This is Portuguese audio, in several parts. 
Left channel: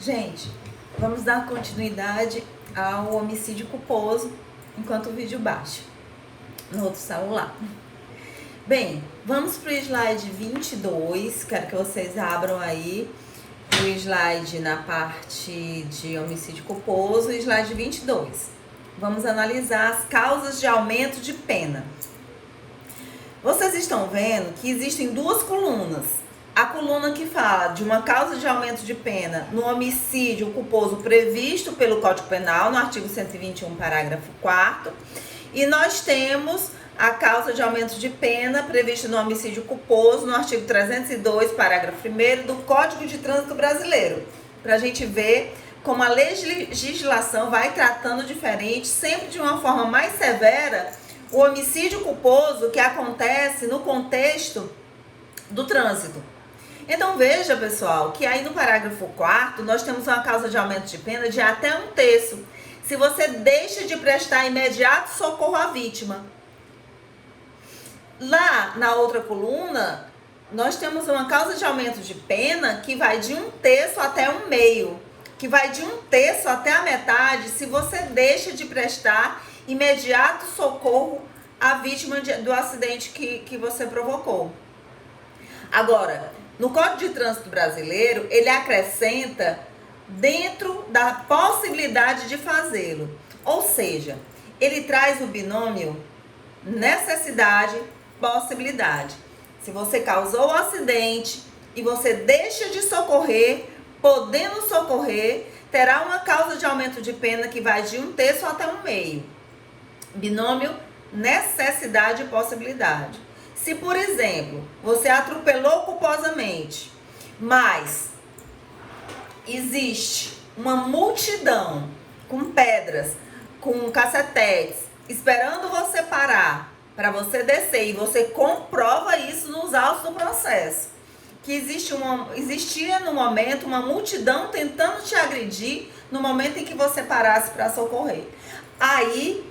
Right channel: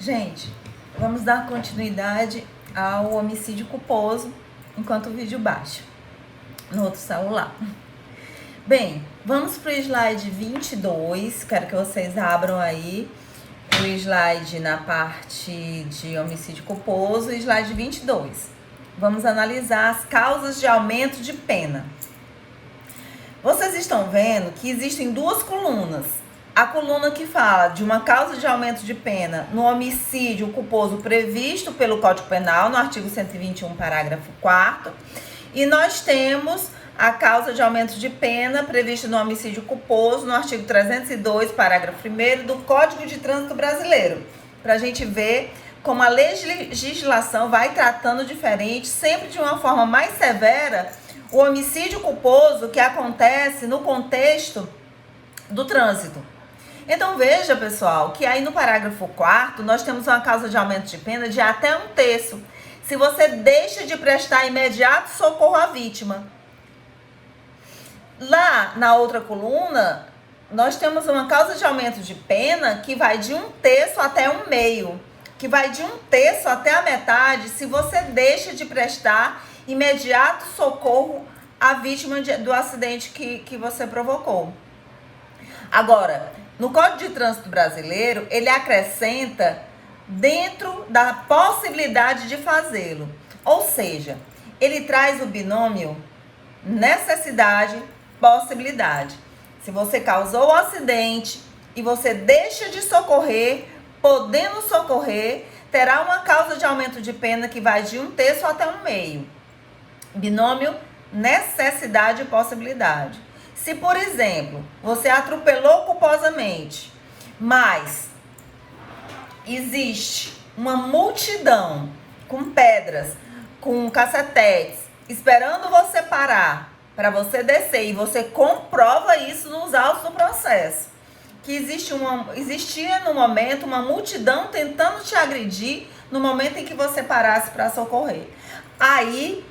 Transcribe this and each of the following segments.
Gente, vamos dar continuidade ao homicídio culposo enquanto o vídeo baixa no outro celular. Bem, vamos para o slide 22. Quero que vocês abram aí o slide na parte de homicídio culposo e slide 22. Vamos analisar as causas de aumento de pena. Vocês estão vendo que existem duas colunas. A coluna que fala de uma causa de aumento de pena no homicídio culposo previsto pelo Código Penal, no artigo 121, parágrafo 4º. E nós temos a causa de aumento de pena prevista no homicídio culposo, no artigo 302, parágrafo 1º do Código de Trânsito Brasileiro. Para a gente ver como a legislação vai tratando diferente, sempre de uma forma mais severa, o homicídio culposo que acontece no contexto do trânsito. Então veja, pessoal, que aí no parágrafo 4º nós temos uma causa de aumento de pena de até 1/3, se você deixa de prestar imediato socorro à vítima. Lá na outra coluna, nós temos uma causa de aumento de pena que vai de 1/3 até 1/2, que vai de 1/3 até a metade se você deixa de prestar imediato socorro à vítima do acidente que você provocou. Agora, no Código de Trânsito Brasileiro, ele acrescenta dentro da possibilidade de fazê-lo. Ou seja, ele traz o binômio necessidade-possibilidade. Se você causou o acidente e você deixa de socorrer, podendo socorrer, terá uma causa de aumento de pena que vai de 1/3 até 1/2. Binômio necessidade-possibilidade. Se, por exemplo, você atropelou culposamente, mas existe uma multidão com pedras, com cacetetes, esperando você parar para você descer, e você comprova isso nos autos do processo, que existia no momento uma multidão tentando te agredir no momento em que você parasse para socorrer. Aí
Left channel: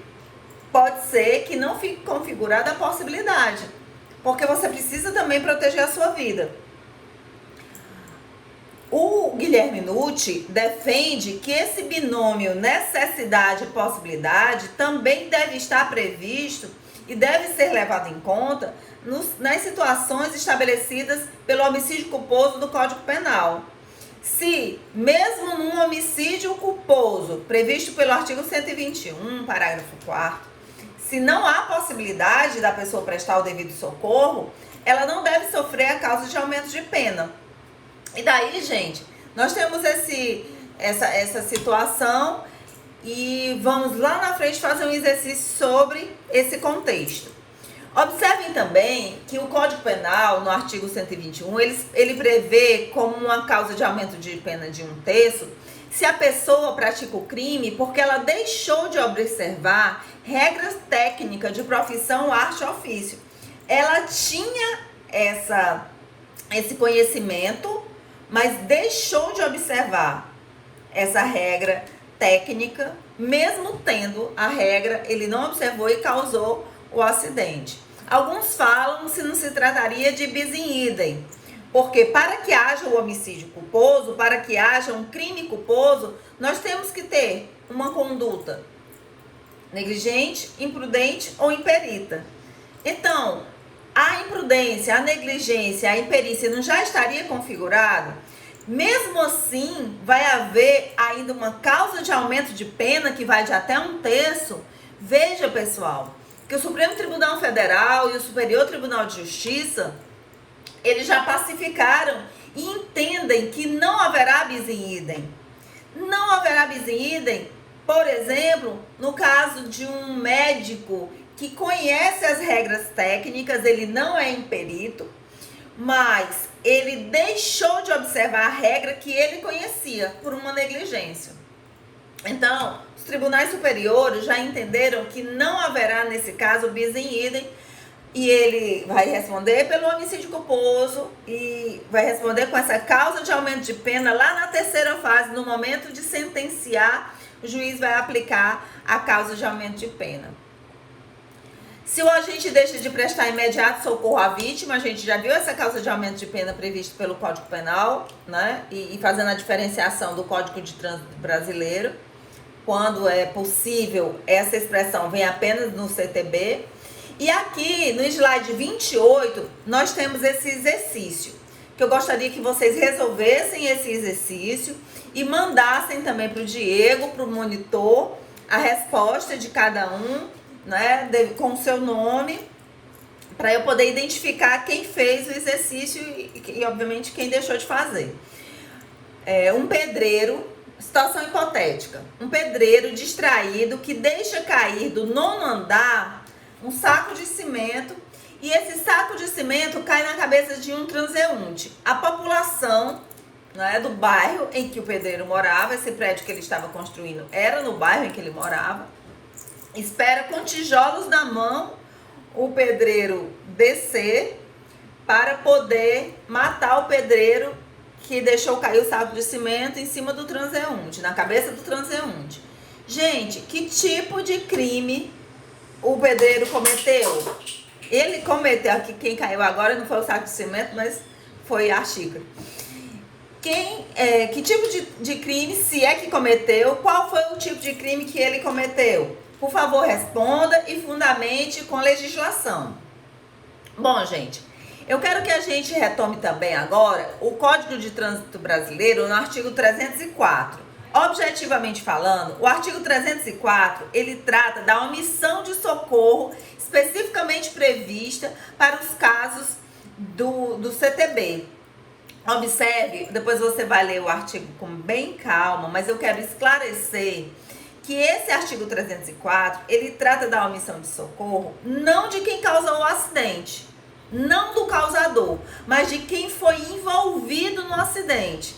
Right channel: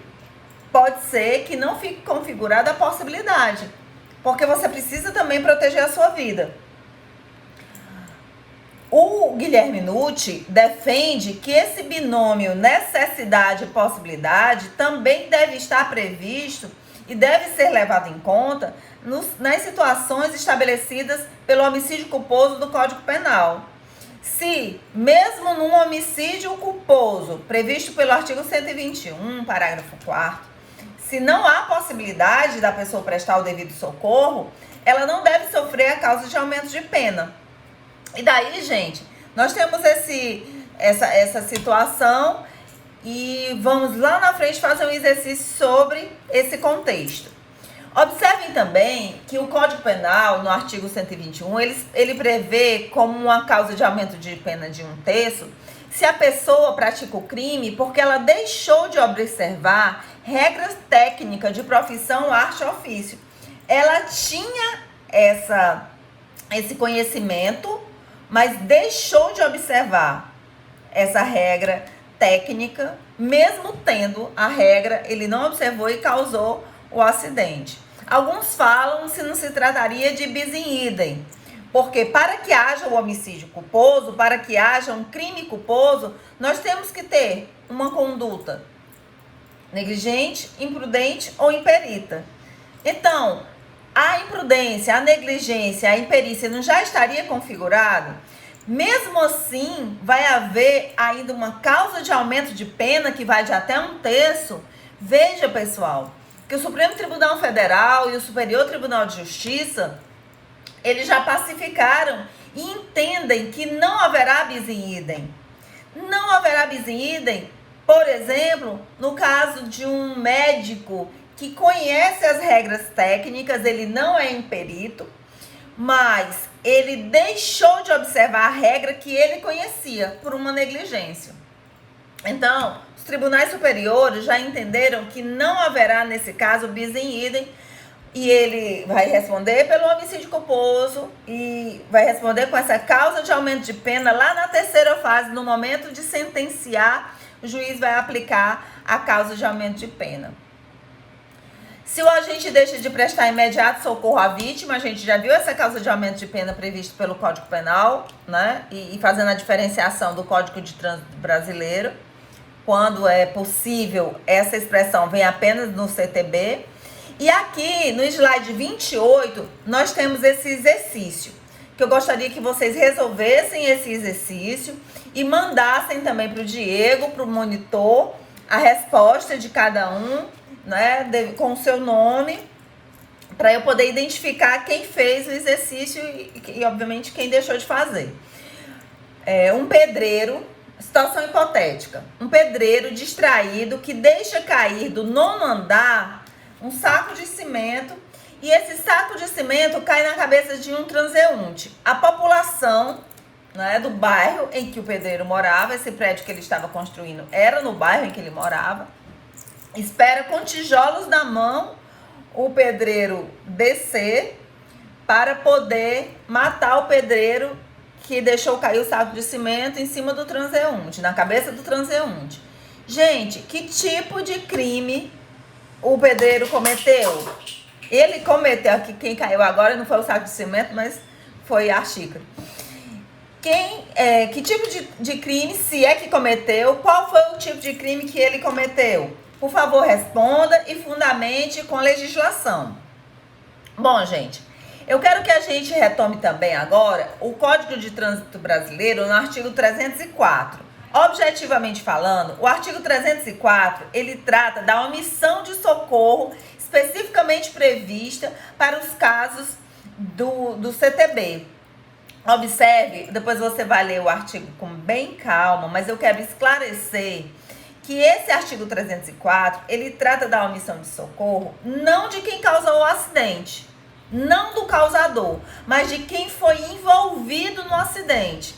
pode ser que não fique configurada a possibilidade, porque você precisa também proteger a sua vida. O Guilherme Nucci defende que esse binômio necessidade e possibilidade também deve estar previsto e deve ser levado em conta nas situações estabelecidas pelo homicídio culposo do Código Penal. Se, mesmo num homicídio culposo previsto pelo artigo 121, parágrafo 4º, se não há possibilidade da pessoa prestar o devido socorro, ela não deve sofrer a causa de aumento de pena. E daí, gente, nós temos essa situação e vamos lá na frente fazer um exercício sobre esse contexto. Observem também que o Código Penal, no artigo 121, ele prevê como uma causa de aumento de pena de 1/3 se a pessoa pratica o crime porque ela deixou de observar regras técnicas de profissão, arte ou ofício. Ela tinha esse conhecimento, mas deixou de observar essa regra técnica, mesmo tendo a regra, ele não observou e causou o acidente. Alguns falam se não se trataria de bis in idem, porque para que haja o homicídio culposo, para que haja um crime culposo, nós temos que ter uma conduta negligente, imprudente ou imperita. Então, a imprudência, a negligência, a imperícia não já estaria configurado? Mesmo assim, vai haver ainda uma causa de aumento de pena que vai de até 1/3. Veja, pessoal, que o Supremo Tribunal Federal e o Superior Tribunal de Justiça, eles já pacificaram e entendem que não haverá bis in idem. Não haverá bis in idem, por exemplo, no caso de um médico que conhece as regras técnicas, ele não é imperito, mas ele deixou de observar a regra que ele conhecia por uma negligência. Então, os tribunais superiores já entenderam que não haverá, nesse caso, bis in idem, e ele vai responder pelo homicídio culposo e vai responder com essa causa de aumento de pena lá na terceira fase, no momento de sentenciar, o juiz vai aplicar a causa de aumento de pena. Se o agente deixa de prestar imediato socorro à vítima, a gente já viu essa causa de aumento de pena prevista pelo Código Penal, né? E fazendo a diferenciação do Código de Trânsito brasileiro, quando é possível, essa expressão vem apenas no CTB. E aqui no slide 28, nós temos esse exercício, que eu gostaria que vocês resolvessem esse exercício e mandassem também para o Diego, para o monitor, a resposta de cada um, né, com o seu nome, para eu poder identificar quem fez o exercício e obviamente, quem deixou de fazer. Um pedreiro, situação hipotética, um pedreiro distraído que deixa cair do 9º andar um saco de cimento e esse saco de cimento cai na cabeça de um transeunte. A população, né, do bairro em que o pedreiro morava, esse prédio que ele estava construindo era no bairro em que ele morava, espera com tijolos na mão o pedreiro descer para poder matar o pedreiro que deixou cair o saco de cimento em cima do transeunte, na cabeça do transeunte. Gente, que tipo de crime o pedreiro cometeu? Ele cometeu, aqui quem caiu agora não foi o saco de cimento, mas foi a xícara. Que tipo de crime, se é que cometeu, qual foi o tipo de crime que ele cometeu? Por favor, responda e fundamente com legislação. Bom, gente, eu quero que a gente retome também agora o Código de Trânsito Brasileiro no artigo 304. Objetivamente falando, o artigo 304, ele trata da omissão de socorro especificamente prevista para os casos do CTB. Observe, depois você vai ler o artigo com bem calma, mas eu quero esclarecer que esse artigo 304, ele trata da omissão de socorro não de quem causou o acidente, não do causador, mas de quem foi envolvido no acidente.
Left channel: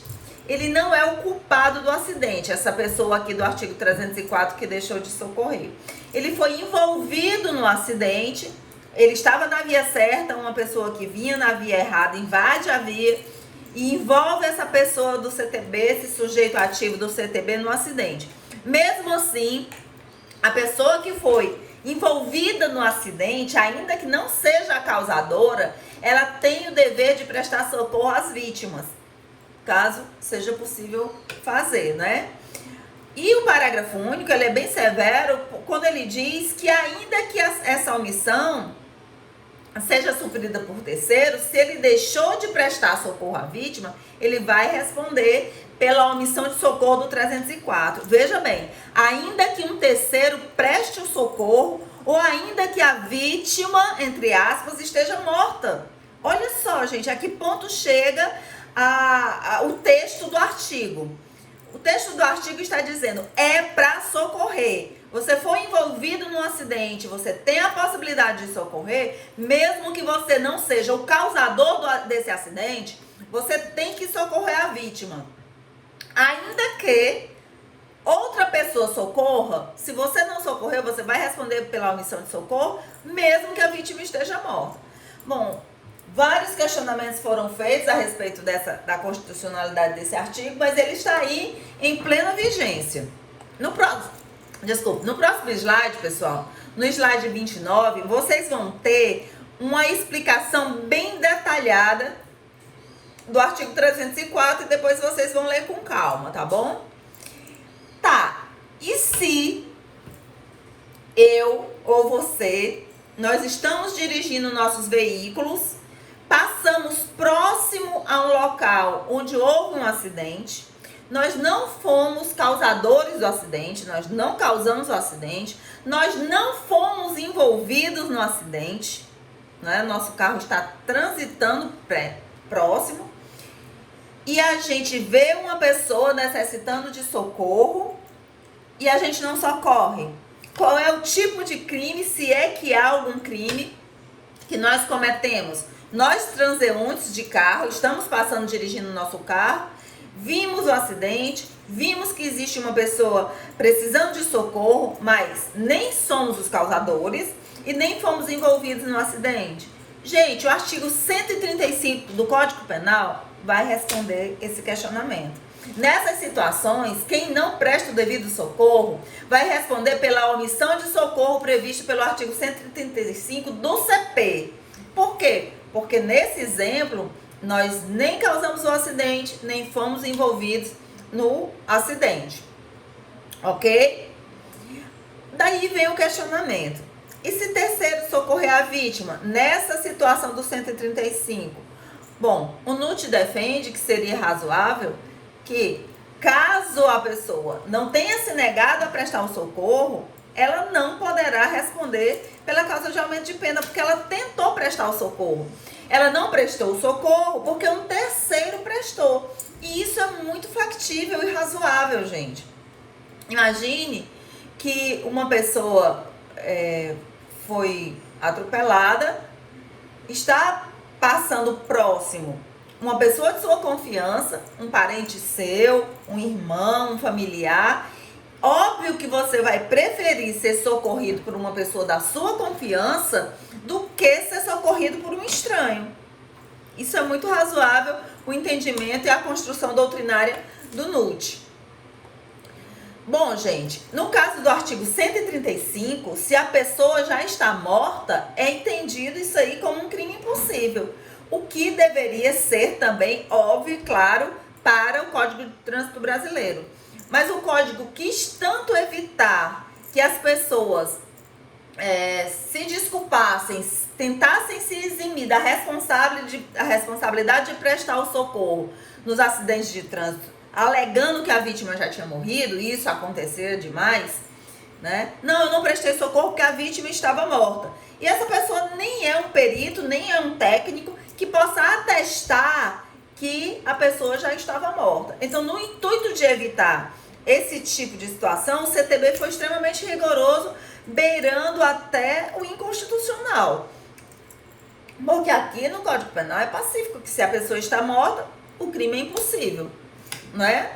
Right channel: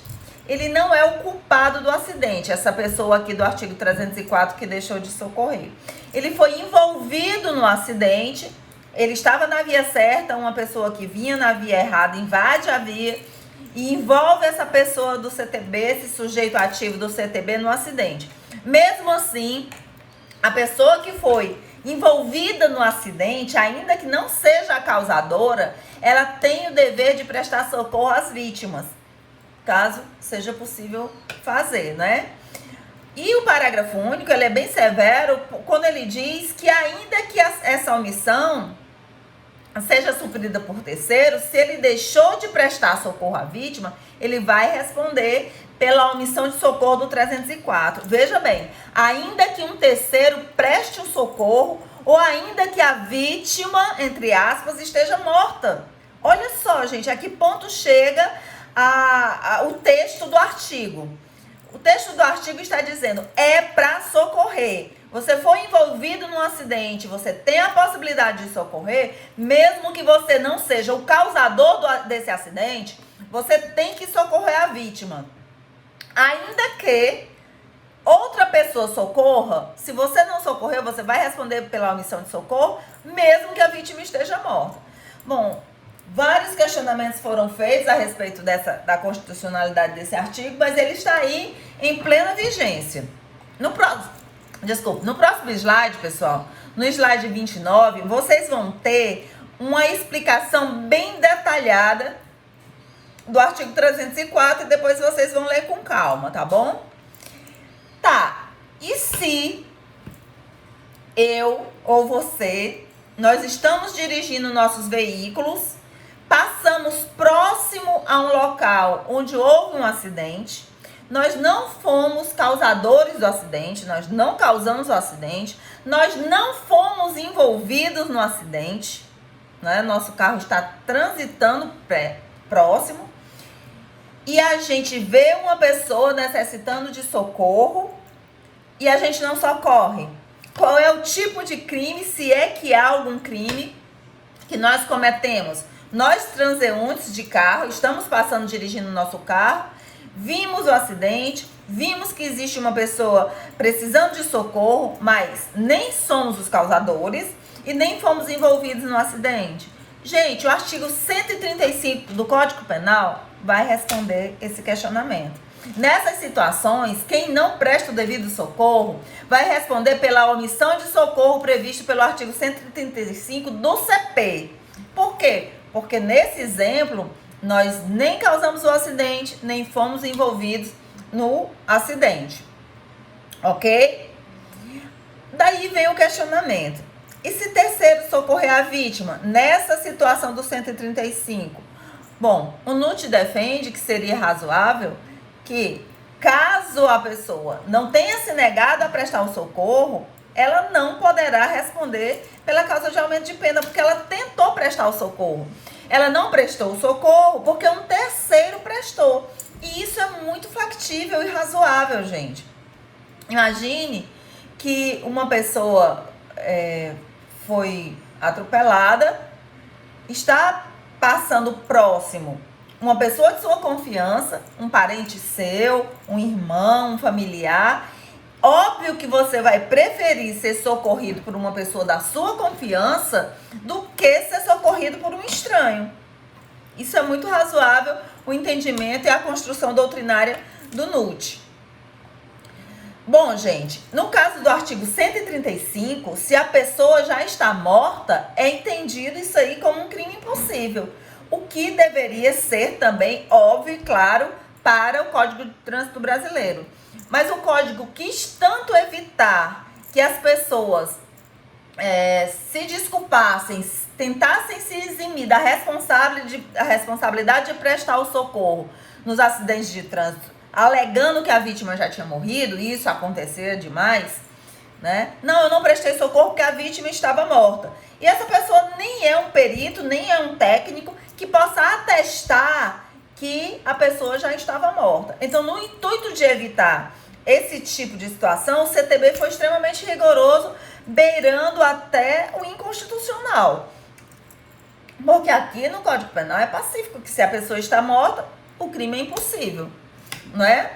Ele não é o culpado do acidente, essa pessoa aqui do artigo 304 que deixou de socorrer. Ele foi envolvido no acidente, ele estava na via certa, uma pessoa que vinha na via errada invade a via e envolve essa pessoa do CTB, esse sujeito ativo do CTB no acidente. Mesmo assim, a pessoa que foi envolvida no acidente, ainda que não seja a causadora, ela tem o dever de prestar socorro às vítimas, caso seja possível fazer, né? E o parágrafo único, ele é bem severo quando ele diz que ainda que essa omissão seja sofrida por terceiro, se ele deixou de prestar socorro à vítima, ele vai responder pela omissão de socorro do 304. Veja bem, ainda que um terceiro preste o socorro ou ainda que a vítima, entre aspas, esteja morta. Olha só, gente, a que ponto chega o texto do artigo. O texto do artigo está dizendo, é para socorrer. Você foi envolvido num acidente, você tem a possibilidade de socorrer, mesmo que você não seja o causador desse acidente, você tem que socorrer a vítima. Ainda que outra pessoa socorra, se você não socorrer, você vai responder pela omissão de socorro, mesmo que a vítima esteja morta. Bom, vários questionamentos foram feitos a respeito da constitucionalidade desse artigo, mas ele está aí em plena vigência. No próximo slide, pessoal, no slide 29, vocês vão ter uma explicação bem detalhada do artigo 304 e depois vocês vão ler com calma, tá bom? Tá, e se eu ou você, nós estamos dirigindo nossos veículos, passamos próximo a um local onde houve um acidente, nós não fomos causadores do acidente, nós não causamos o acidente, nós não fomos envolvidos no acidente, né? Nosso carro está transitando próximo e a gente vê uma pessoa necessitando de socorro e a gente não socorre. Qual é o tipo de crime, se é que há algum crime que nós cometemos? Nós, transeuntes de carro, estamos passando dirigindo o nosso carro, vimos o acidente, vimos que existe uma pessoa precisando de socorro, mas nem somos os causadores e nem fomos envolvidos no acidente. Gente, o artigo 135 do Código Penal vai responder esse questionamento. Nessas situações, quem não presta o devido socorro vai responder pela omissão de socorro previsto pelo artigo 135 do CP. Por quê? Porque nesse exemplo, nós nem causamos o acidente, nem fomos envolvidos no acidente. Ok? Daí vem o questionamento. E se terceiro socorrer a vítima nessa situação do 135? Bom, o NUT defende que seria razoável que, caso a pessoa não tenha se negado a prestar o socorro, ela não poderá responder pela causa de aumento de pena, porque ela tentou prestar o socorro. Ela não prestou o socorro porque um terceiro prestou. E isso é muito factível e razoável, gente. Imagine que uma pessoa foi atropelada, está passando próximo uma pessoa de sua confiança, um parente seu, um irmão, um familiar. Óbvio que você vai preferir ser socorrido por uma pessoa da sua confiança do que ser socorrido por um estranho. Isso é muito razoável, o entendimento e a construção doutrinária do NUT. Bom, gente, no caso do artigo 135, se a pessoa já está morta, é entendido isso aí como um crime impossível. O que deveria ser também óbvio e claro para o Código de Trânsito Brasileiro. Mas o Código quis tanto evitar que as pessoas se desculpassem, tentassem se eximir da responsabilidade de prestar o socorro nos acidentes de trânsito, alegando que a vítima já tinha morrido, e isso acontecia demais, né? Não, eu não prestei socorro porque a vítima estava morta. E essa pessoa nem é um perito, nem é um técnico que possa atestar que a pessoa já estava morta. Então, no intuito de evitar esse tipo de situação, o CTB foi extremamente rigoroso, beirando até o inconstitucional. Porque aqui no Código Penal é pacífico que se a pessoa está morta, o crime é impossível, não é?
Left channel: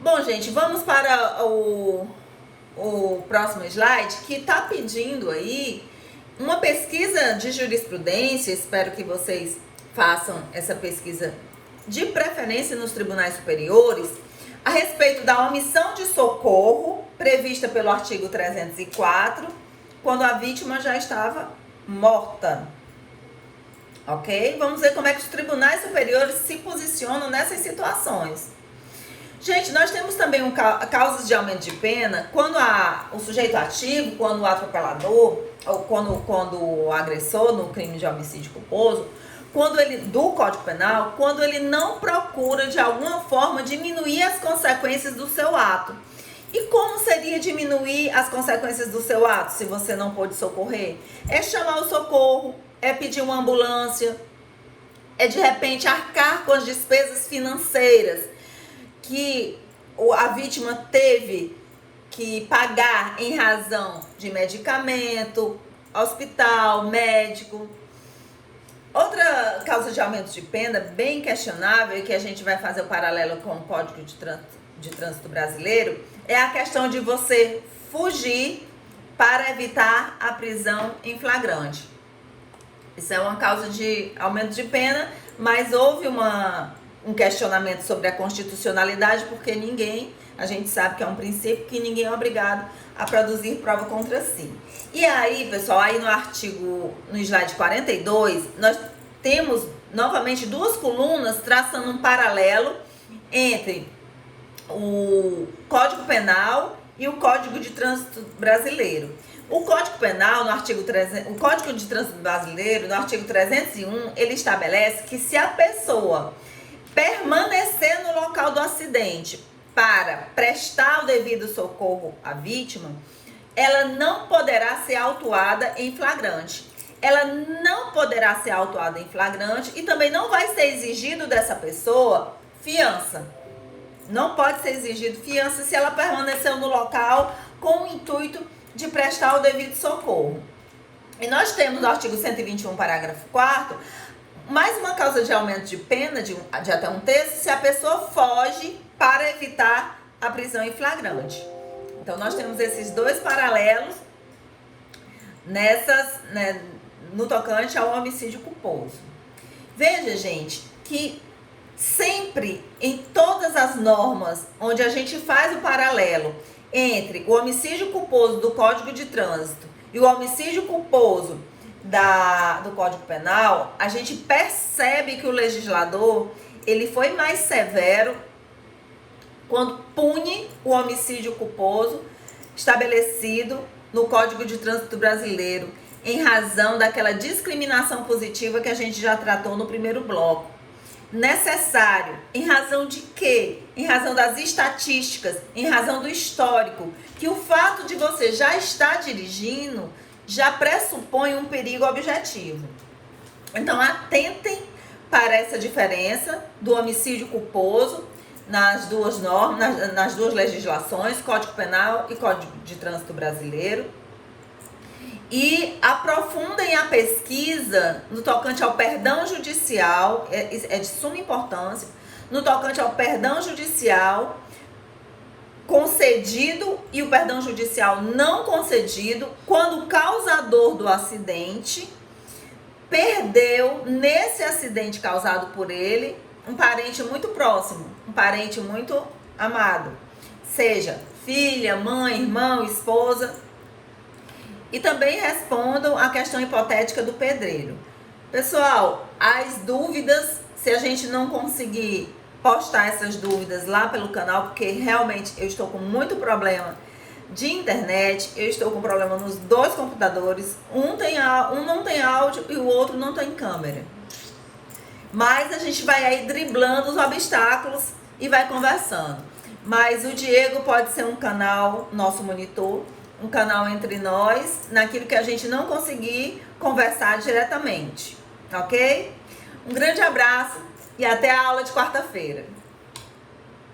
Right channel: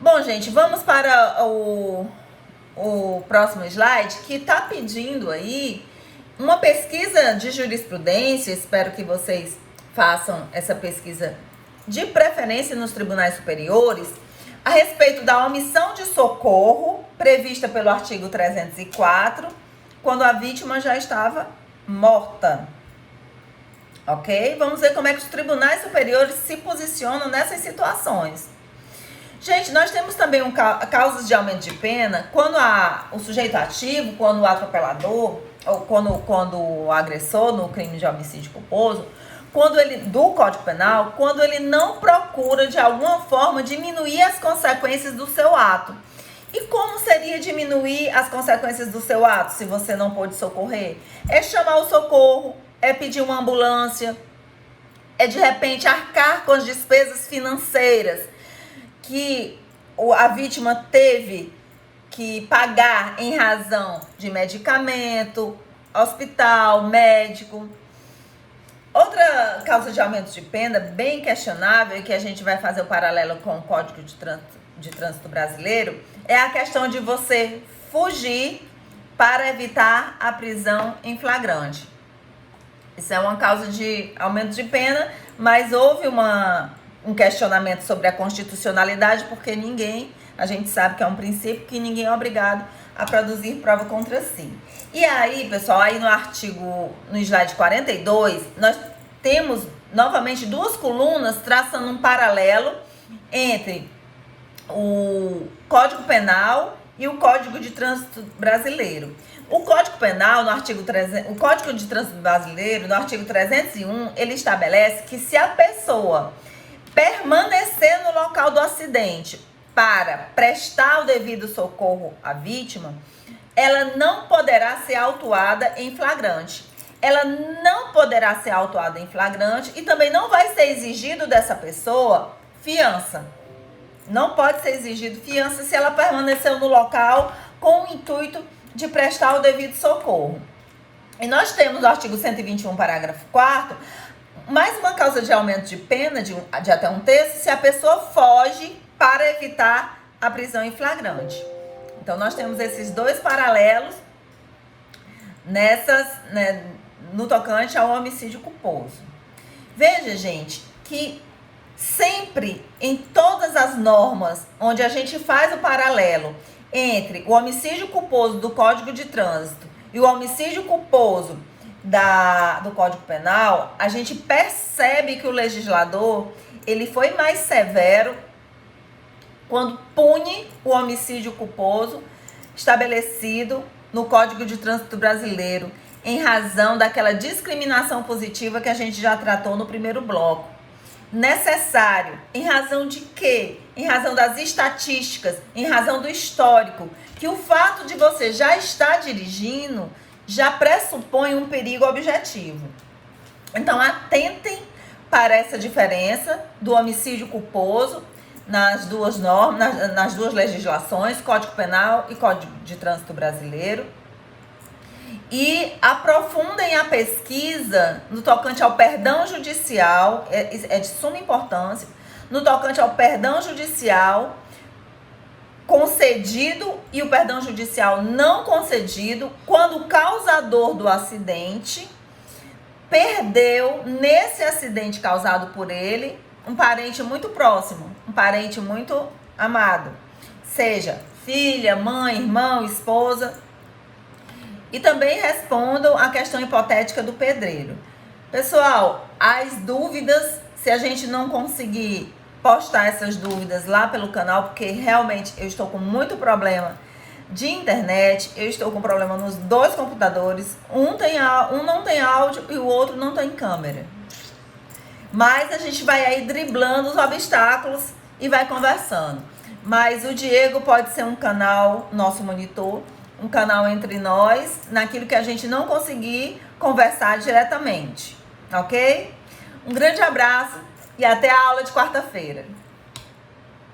Bom, gente, vamos para o próximo slide, que está pedindo aí uma pesquisa de jurisprudência. Espero que vocês façam essa pesquisa de preferência nos tribunais superiores, a respeito da omissão de socorro prevista pelo artigo 304, quando a vítima já estava morta. Ok? Vamos ver como é que os tribunais superiores se posicionam nessas situações. Gente, nós temos também causas de aumento de pena quando o sujeito ativo, quando o atropelador, ou quando o agressor no crime de homicídio culposo, do Código Penal, quando ele não procura de alguma forma diminuir as consequências do seu ato. E como seria diminuir as consequências do seu ato se você não pôde socorrer? É chamar o socorro, é pedir uma ambulância, é de repente arcar com as despesas financeiras que a vítima teve que pagar em razão de medicamento, hospital, médico. Outra causa de aumento de pena bem questionável, e que a gente vai fazer o paralelo com o Código de Trânsito Brasileiro, é a questão de você fugir para evitar a prisão em flagrante. Isso é uma causa de aumento de pena, mas houve um questionamento sobre a constitucionalidade, porque a gente sabe que é um princípio que ninguém é obrigado a produzir prova contra si. E aí, pessoal, aí no slide 42, nós temos novamente duas colunas traçando um paralelo entre o Código Penal e o Código de Trânsito Brasileiro. O Código Penal, o Código de Trânsito Brasileiro, no artigo 301, ele estabelece que se a pessoa permanecer no local do acidente para prestar o devido socorro à vítima, ela não poderá ser autuada em flagrante. Ela não poderá ser autuada em flagrante e também não vai ser exigido dessa pessoa fiança. Não pode ser exigido fiança se ela permaneceu no local com o intuito de prestar o devido socorro. E nós temos no artigo 121, parágrafo 4º, mais uma causa de aumento de pena de até um terço se a pessoa foge para evitar a prisão em flagrante. Então, nós temos esses dois paralelos no tocante ao homicídio culposo. Veja, gente, que sempre em todas as normas onde a gente faz o paralelo entre o homicídio culposo do Código de Trânsito e o homicídio culposo do Código Penal, a gente percebe que o legislador ele foi mais severo quando pune o homicídio culposo estabelecido no Código de Trânsito brasileiro, em razão daquela discriminação positiva que a gente já tratou no primeiro bloco. Necessário, em razão de quê? Em razão das estatísticas, em razão do histórico, que o fato de você já estar dirigindo já pressupõe um perigo objetivo. Então, atentem para essa diferença do homicídio culposo nas duas normas, nas duas legislações, Código Penal e Código de Trânsito brasileiro. E aprofundem a pesquisa no tocante ao perdão judicial, é de suma importância, no tocante ao perdão judicial concedido e o perdão judicial não concedido, quando o causador do acidente perdeu, nesse acidente causado por ele, um parente muito próximo, um parente muito amado, seja filha, mãe, irmão, esposa. E também respondam a questão hipotética do pedreiro. Pessoal, as dúvidas, se a gente não conseguir postar essas dúvidas lá pelo canal, porque realmente eu estou com muito problema de internet, eu estou com problema nos dois computadores, um não tem áudio e o outro não tem câmera. Mas a gente vai aí driblando os obstáculos e vai conversando. Mas o Diego pode ser um canal, nosso monitor, um canal entre nós, naquilo que a gente não conseguir conversar diretamente, ok? Um grande abraço e até a aula de quarta-feira.